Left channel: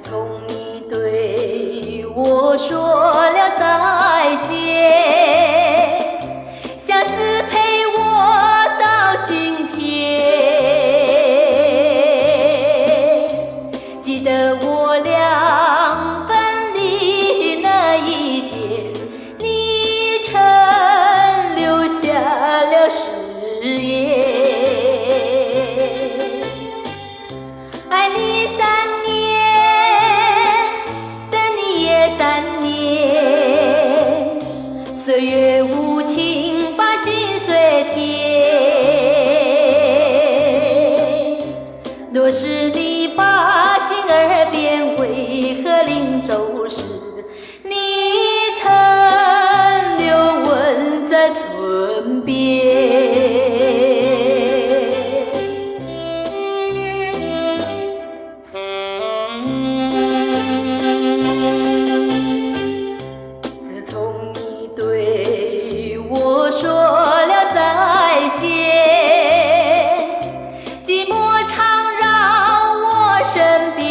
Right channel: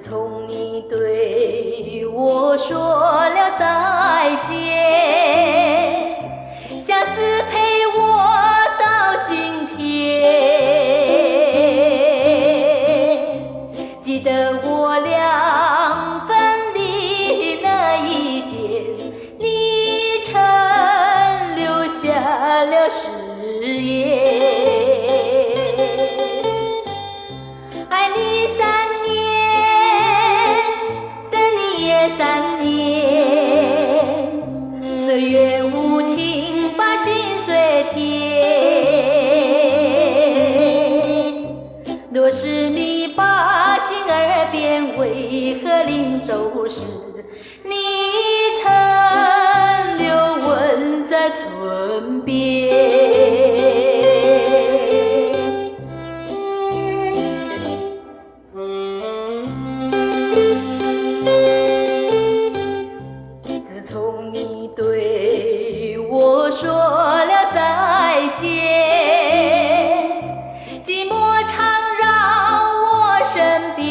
自从你对我说了再见，相思陪我到今天。记得我俩分离那一天，你曾留下了誓言。爱你3年，等你也3年，岁月无情把心碎填。若是你把心儿变，为何令周时你曾留吻在唇边？自从你对我说了再见，寂寞常绕我身边。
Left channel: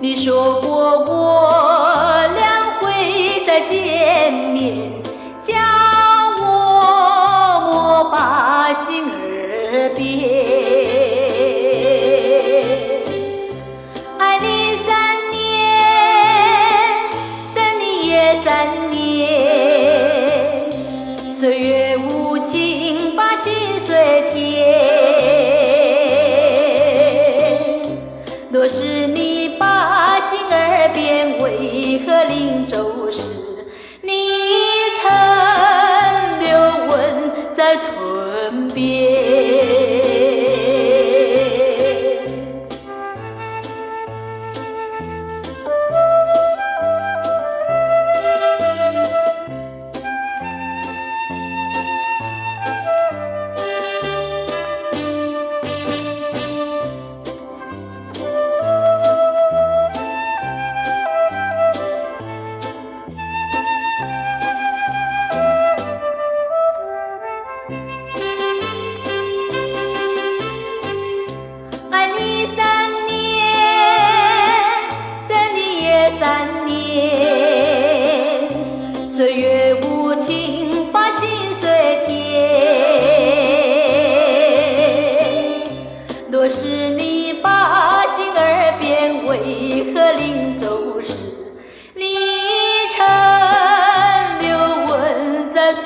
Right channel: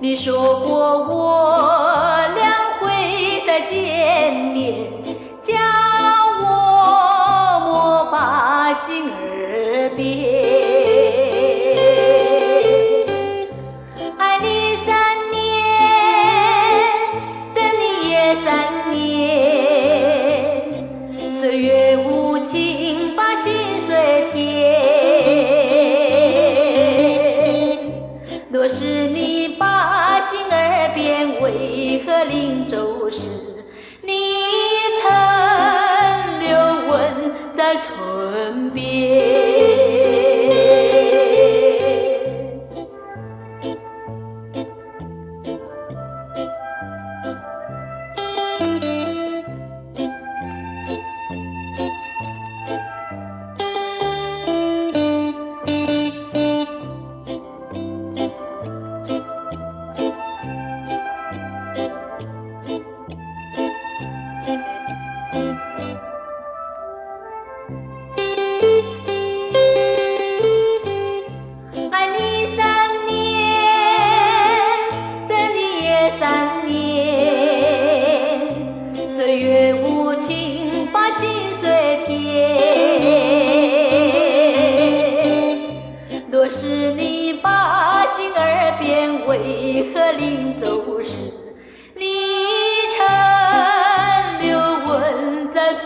你说过我俩会再见面，叫我莫把心儿变。爱你3年，等你也3年，岁月无情把心碎填。若是你把心儿变，为何令周时你曾留吻在唇边？爱你3年，等你也3年，岁月无情把心碎填。若是你把心儿变，为何令周时你曾留吻在唇